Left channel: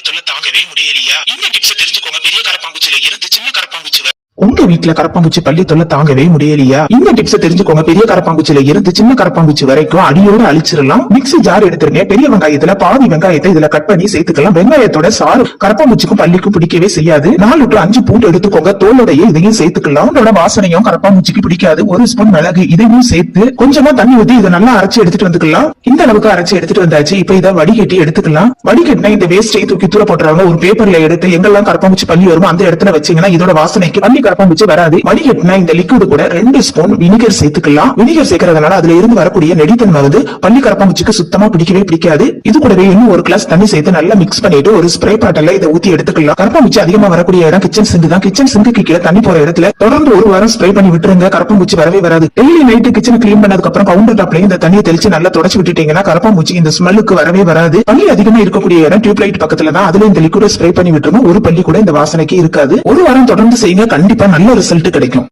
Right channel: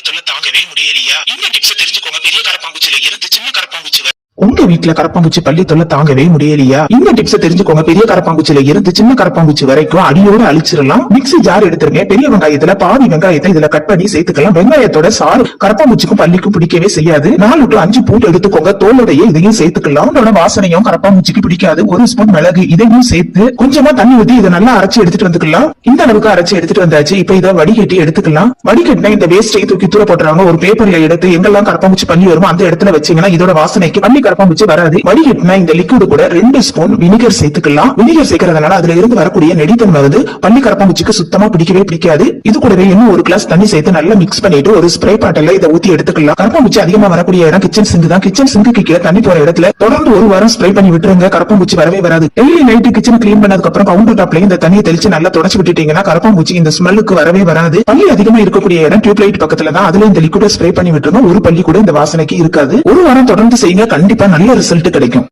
தொல்லை தாங்கவே முடியலையா? இந்த டிப்ஸ் தெரிஞ்சுக்கோங்க. பெரிய கரப்பாங்க இருந்து சின்ன கரப்பாம்பூச்சி வரை உங்க வீட்டுல கரப்பாம்பூச்சி பள்ளி தொல்லை தாங்கவே முடியலையா? இந்த டிப்ஸ் தெரிஞ்சுக்கோங்க. பெரிய கரப்பாம்பூச்சில இருந்து சின்ன கரப்பாம்பூச்சி வரைக்கும் அடியோட அழிச்சிடலாம். மிக்ஸி ஜார் எடுத்துருங்க பெரிய வெங்காயத்துல பாதி வெங்காயத்தை இதுல கட் பண்ணி சேர்த்துக்கலாம். வெங்காயத்தோட சாறு கரப்பாம்பூச்சிக்கும் பள்ளிக்கும் பிடிக்கவே செய்யாது. நாலு டு அஞ்சு பூண்டு எடுத்துக்கோங்க. தோலோடைய இதையும் சேர்த்துக்கலாம். இதோட வாசனையும் கரப்பாம்பூச்சிக்கு பிடிக்காது. ஒரு ஸ்பூன் மிளகு இதையும் சேர்த்து கொஞ்சமா தண்ணி ஊத்தி இதை நல்லா அரைச்சு எடுத்துட்டு வந்துக்கலாம். இந்த அளவுக்கு அரைச்சு எடுத்துட்டு வந்தாச்சு. இப்ப இதை வடிகட்டி எடுத்துக்கலாம். வடிகட்டினா இந்த வேஸ்டை தூக்கி தூர போட்டுறாங்க. ஒரு பேப்பர்ல எடுத்து எங்கெல்லாம் கரப்பாம்பூச்சி பண்ணி வருமோ அந்த இடத்துல வச்சீங்கன்னா இதோட வாசனைக்கு பள்ளி கரப்பாம்பூச்சி வராது. வடிகட்டினா இந்த லிக்விட் கூட ரெண்டு ஸ்பூன் வினிகர் சேர்த்துக்கலாம். வினிகர் சேர்க்கறதுனால அதுல இருந்து வரக்கூடிய நெடித்தன்மை வந்து பள்ளி கரப்பாம்பூச்சிக்கு சுத்தமா பிடிக்கவே பிடிக்காது. இது கூடவே இன்னும் ஒரு கிளாஸ் தண்ணி சேர்த்து நல்லா மிக்ஸ் பண்ணிட்டு ஒரு ஸ்ப்ரே பாட்டில இதை ஊத்தி எடுத்துக்கலாம். கரப்பாம்பூச்சி அதிகமா வரக்கூடிய இடம் கிச்சன் சிங்க் தான். கிச்சன் சிங்குக்கு கீழே தண்ணி போற இடத்துல தொடர்ந்து ஒரு வாரம் ஸ்ப்ரே பண்ணி விட்டுருங்க. கரப்பாம்பூச்சி வரவே வராது. டெய்லி நைட்டு கிச்சன் கிளீன் பண்ணதுக்கு அப்புறம் கவுண்டர் டாப்லயும் இந்த தண்ணியை தெளிச்சு நல்லா தொடச்சு விட்டுட்டீங்கன்னா கரப்பாம்பூச்சி இந்த ஸ்மெல்லுக்கு வரவே வராது. பள்ளி அதிகமா இருக்கக்கூடிய இடம் டியூப் லைட் பக்கத்துல தான். அதுல இந்த லிக்விட ஸ்ப்ரே பண்ணி விட்டுருங்க. ஒரு பள்ளி கூட இந்த வாசனைக்கு இருக்காது. ஒரு வாரம் தொடர்ந்து செய்யுங்க. கண்டிப்பா நல்ல ரிசல்ட் கிடைக்கும்.